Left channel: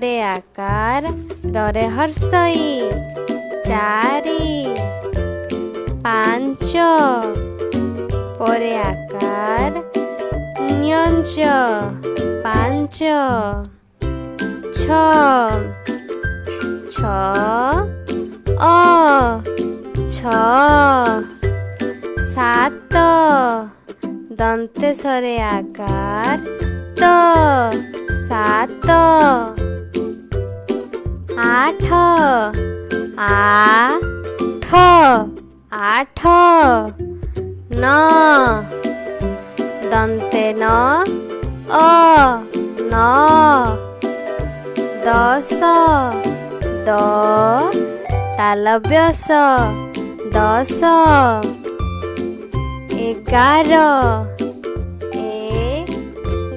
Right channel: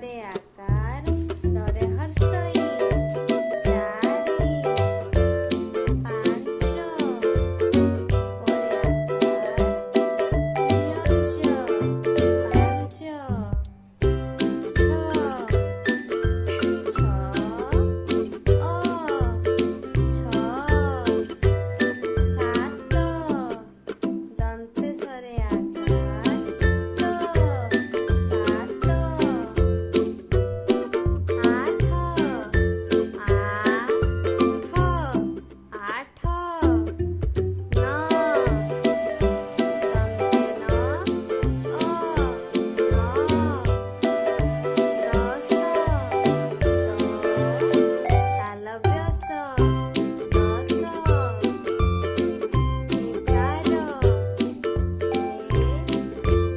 रे आकार रे हर्षई चारि पांच परे आकार न्यंच पांच छ छ छ सात दंतेशरे आकार त सात आठ आठ न दंते न दस द तालव्यस दस एगार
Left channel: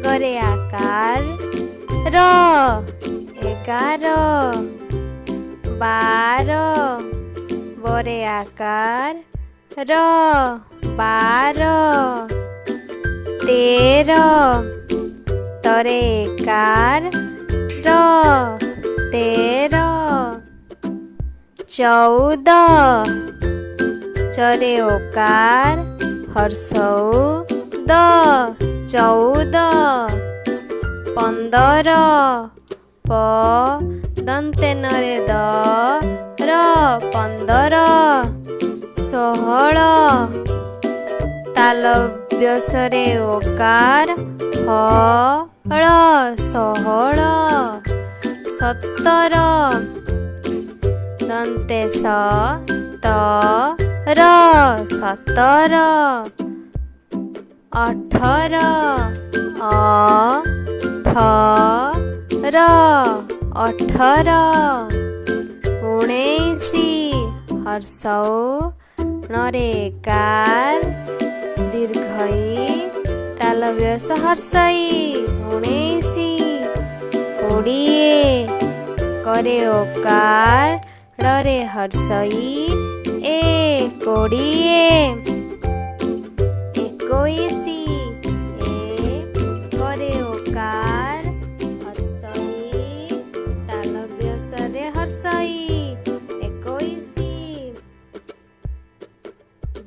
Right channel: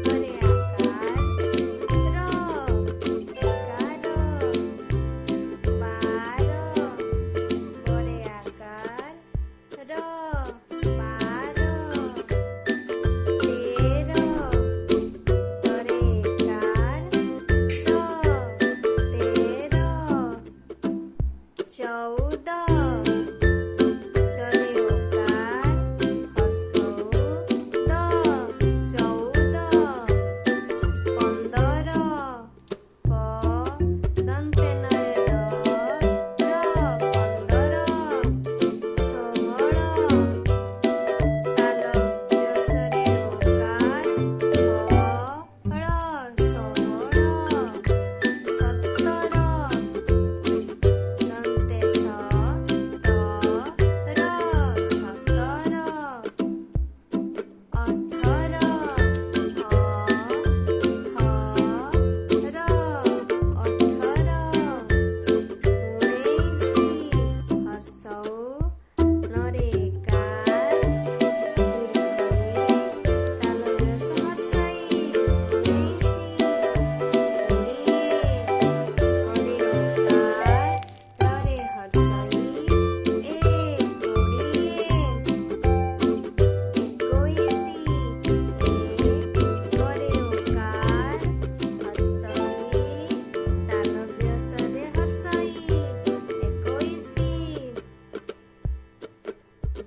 गरे आकार एगार बार बरे आकार बार तेर तरे एकार तेर चौद चरे ओकार हर्षौ द चौद पंदर प दंते नरे द पंदर षोहल तालव्यसरे ओकार हल षोहल सतर दंते सतर अठर अठर उन्नीसी हर्षौ नरे एकार दीर्घई तालव्यस हर्षई उन्नीसी कोड़िए करे ओकार रे हर्षई कोड़िए एकोईसी करे ओकार हर्षई तालव्यसरे हर्षई एकोईसी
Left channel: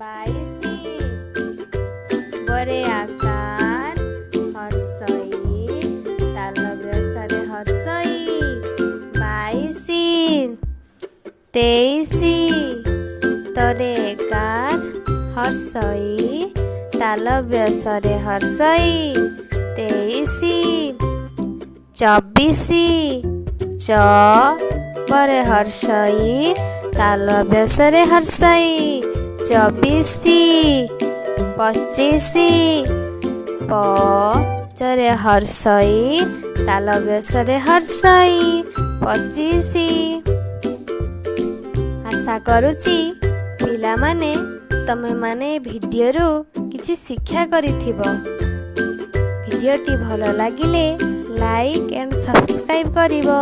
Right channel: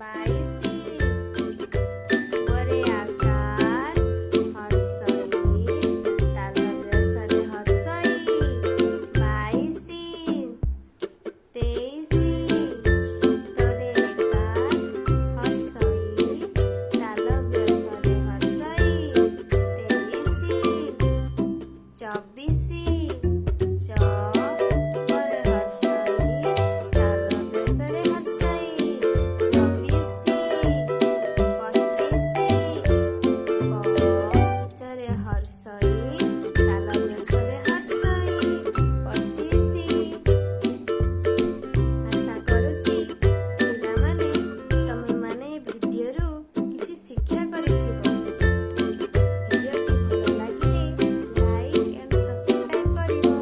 बाईसी गरे आकार हर्षई तालव्यसरे हर्षई बाईसी तेईसी तरे एकार हर्षई तालव्यसरे हर्षई तेईसी चौबीसी च परे हर्षई तालव्यसरे हर्षई चौबीसी पचीसी प चरे हर्षई तालव्यसरे हर्षई पचीसी आशा करुची पिला माने तमे माने भिडियो रो किछि शिक्षा करिथिबो। भिडियोटी भलो लागिले लाइक एंड सब्सक्राइब करिवो।